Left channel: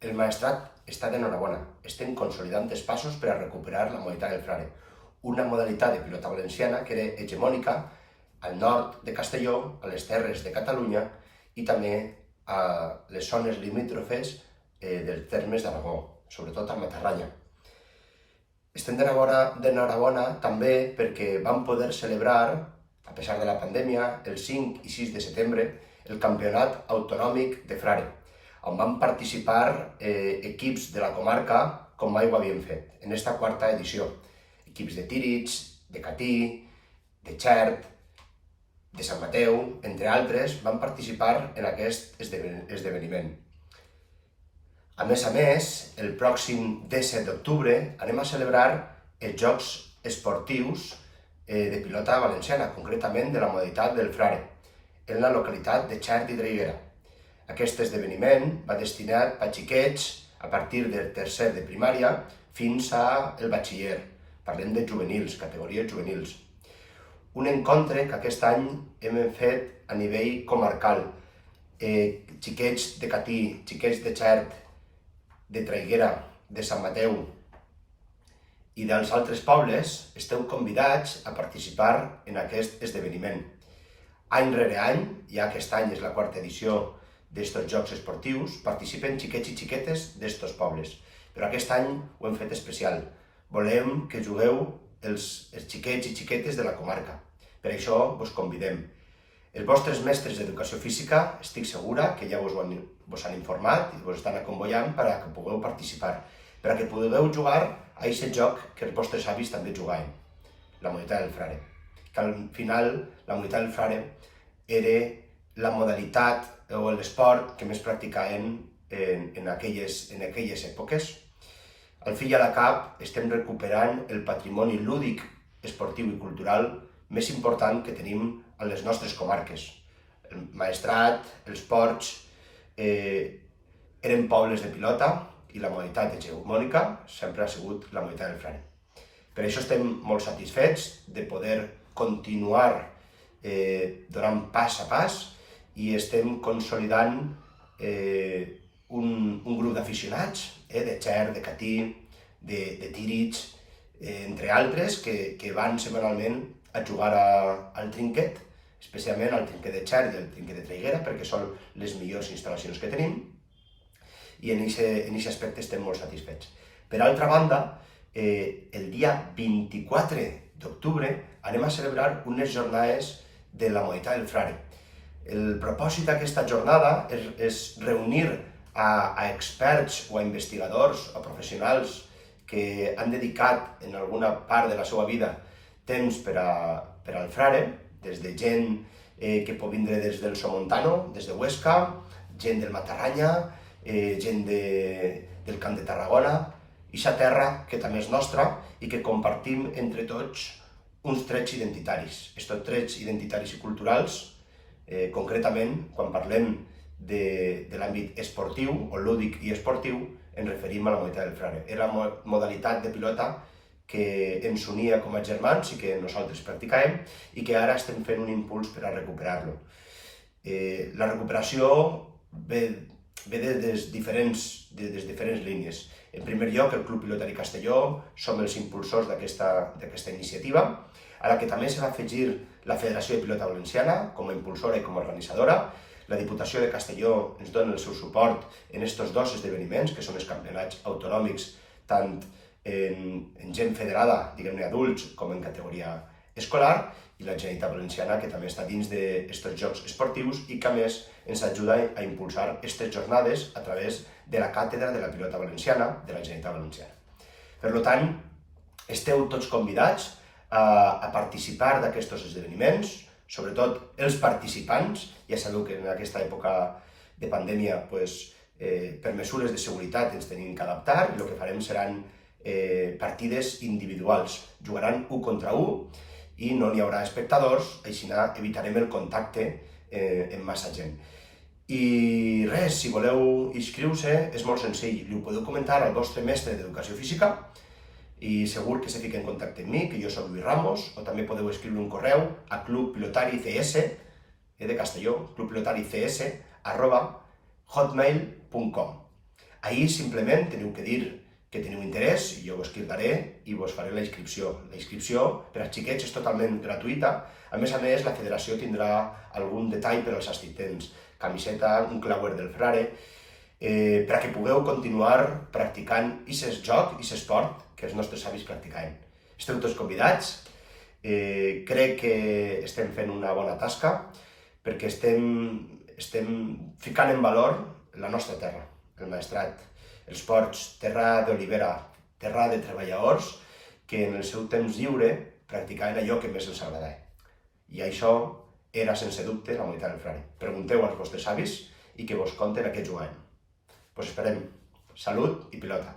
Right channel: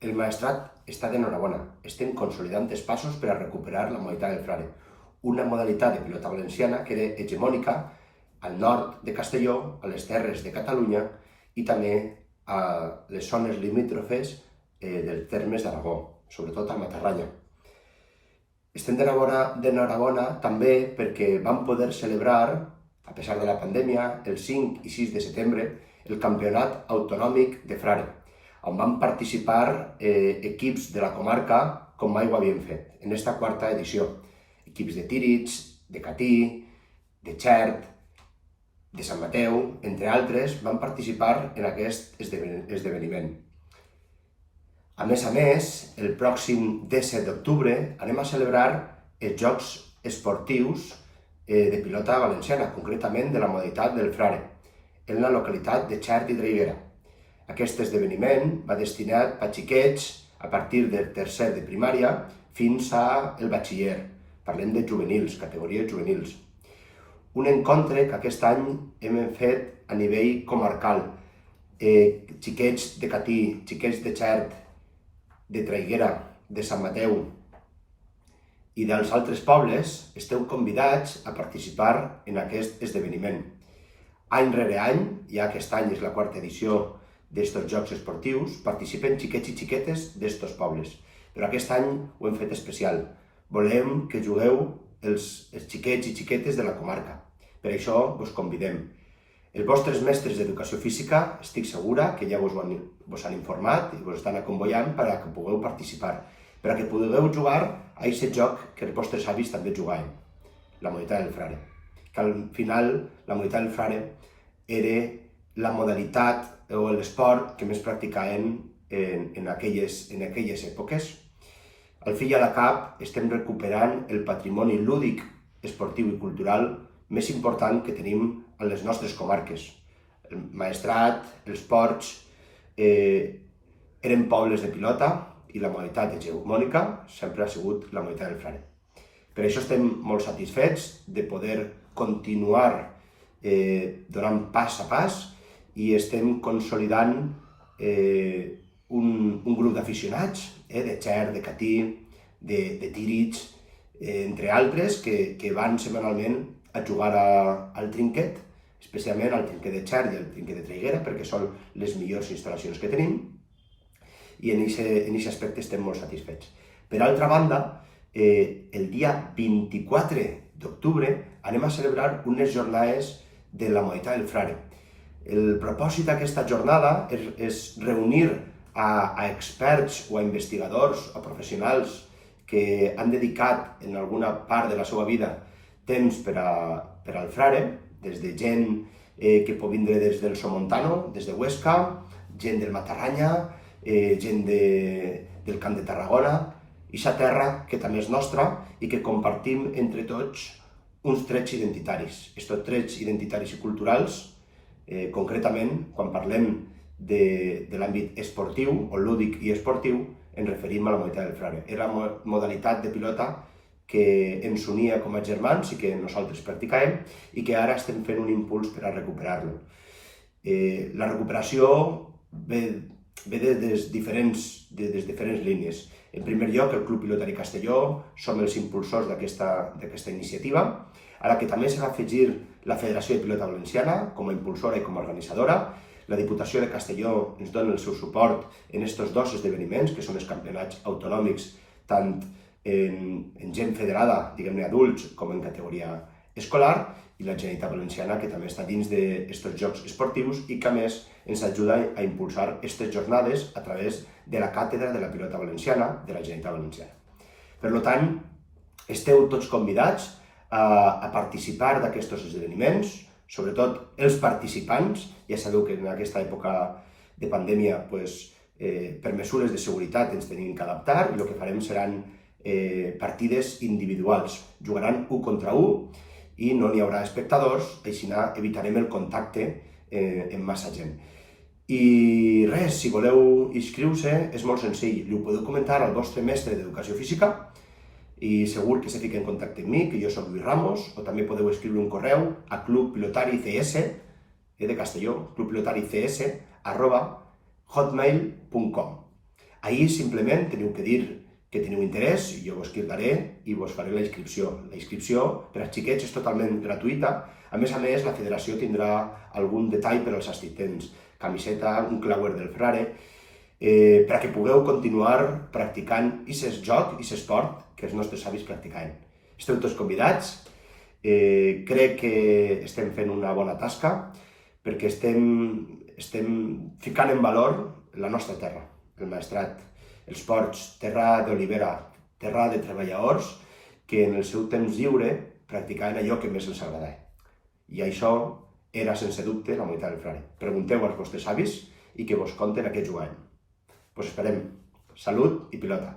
El Maestrat està d'enhorabona. Estem consolidant els passos per a recuperar la modalitat del Frare, una modalitat de pilota valenciana que era hegemònica al nord de Castelló, a les terres de Catalunya i també a les zones limítrofes dels termes d'Aragó, sobretot al Matarranya. Estem d'enhorabona també perquè vam poder celebrar, a pesar de la pandèmia, el 5 i 6 de setembre, el Campionat Autonòmic de Frare, on van participar equips de la comarca com mai ho havien fet, en esta quarta edició. Equips de Tírig, de Catí, de Xert, de Sant Mateu, entre altres, van participar en aquest esdeveniment. A més, el pròxim 17 d'octubre anem a celebrar els Jocs Esportius de pilota valenciana, concretament de la modalitat del Frare, en la localitat de Xert i Traiguera. Aquest esdeveniment va destinat a xiquets a partir del tercer de primària fins al batxiller. Parlem de juvenils, categories juvenils. Un encontre que aquest any hem fet a nivell comarcal. Xiquets de Catí, xiquets de Xert, de Traiguera, de Sant Mateu i dels altres pobles esteu convidats a participar en aquest esdeveniment. Any rere any, ja aquest any és la quarta edició d'estos Jocs Esportius, participen xiquets i xiquetes d'estos pobles. Però aquest any ho hem fet especial. Volem que jugueu els xiquets i xiquetes de la comarca. Per això vos convidem. Els vostres mestres d'educació física estic segura que ja vos han informat i vos estan acomboiant perquè pugueu participar, perquè pugueu jugar a aquest joc que els vostres avis també jugaven, la modalitat del Frare. Que al final la modalitat del Frare era la modalitat o l'esport que més practicaven en aquelles èpoques. Al fi i a la cap estem recuperant el patrimoni lúdic, esportiu i cultural més important que tenim a les nostres comarques. El Maestrat, els Ports, eren pobles de pilota i la modalitat hegemònica sempre ha sigut la modalitat del Frare. Per això estem molt satisfets de poder continuar donant pas a pas i estem consolidant un grup d'aficionats de Xert, de Catí, de Tírig, entre altres, que van setmanalment a jugar al trinquet, especialment al trinquet de Xert i al trinquet de Traiguera, perquè són les millors instal·lacions que tenim, i en aquest aspecte estem molt satisfets. Per altra banda, el dia 24 d'octubre anem a celebrar unes jornades de la modalitat del Frare. El propòsit d'aquesta jornada és reunir a experts o a investigadors o professionals que han dedicat en alguna part de la seva vida temps per al Frare, des de gent que pot vindre des del Somontano, des de Huesca, gent del Matarranya, gent del Camp de Tarragona, ixa terra que també és nostra i que compartim entre tots uns trets identitaris. Estos trets identitaris i culturals, concretament, quan parlem de l'àmbit esportiu o lúdic i esportiu, ens referim a la modalitat del Frare. Era la modalitat de pilota que ens unia com a germans i que nosaltres practicàvem i que ara estem fent un impuls per a recuperar-lo. La recuperació ve des diferents línies. En primer lloc, el Club Pilotari Castelló, som els impulsors d'aquesta iniciativa, a la que també s'ha afegir la Federació de Pilota Valenciana com a impulsora i com a organitzadora. La Diputació de Castelló ens dona el seu suport en aquests dos esdeveniments, que són els campionats autonòmics, tant en gent federada, diguem-ne adults, com en categoria escolar, i la Generalitat Valenciana, que també està dins d'aquests jocs esportius i que a més ens ajuda a impulsar aquestes jornades a través de la càtedra de la pilota valenciana de la Generalitat Valenciana. Per tant, esteu tots convidats a participar d'aquests esdeveniments, sobretot els participants. Ja sabeu que en aquesta època de pandèmia, per mesures de seguretat ens tenim que adaptar i el que farem seran partides individuals. Jugaran 1 contra 1 i no n'hi haurà espectadors, així evitarem el contacte amb massa gent. I res, si voleu inscriure-se és molt senzill, li ho podeu comentar al vostre mestre d'educació física i segur que se fica en contacte amb mi, que jo soc Lluís Ramos, o també podeu escriure un correu a clubpilotarics de Castelló, clubpilotarics@hotmail.com. Ahir simplement teniu que dir que teniu interès i jo vos cridaré i vos faré la inscripció. La inscripció per als xiquets és totalment gratuïta. A més, la federació tindrà algun detall per als assistents. Camiseta, un clauer del frare, perquè pugueu continuar practicant aquest joc, aquest esport que els nostres avis practicaven. Esteu tots convidats. Crec que estem fent una bona tasca perquè estem ficant en valor la nostra terra, el Maestrat, els ports, terra d'olivera, terra de treballadors que en el seu temps lliure practicaven allò que més els agradava. I això era, sense dubte, la Humanitat del Frare. Pregunteu als vostres avis i que vos conten a què jugaven. Vos esperem. Salut i pilota!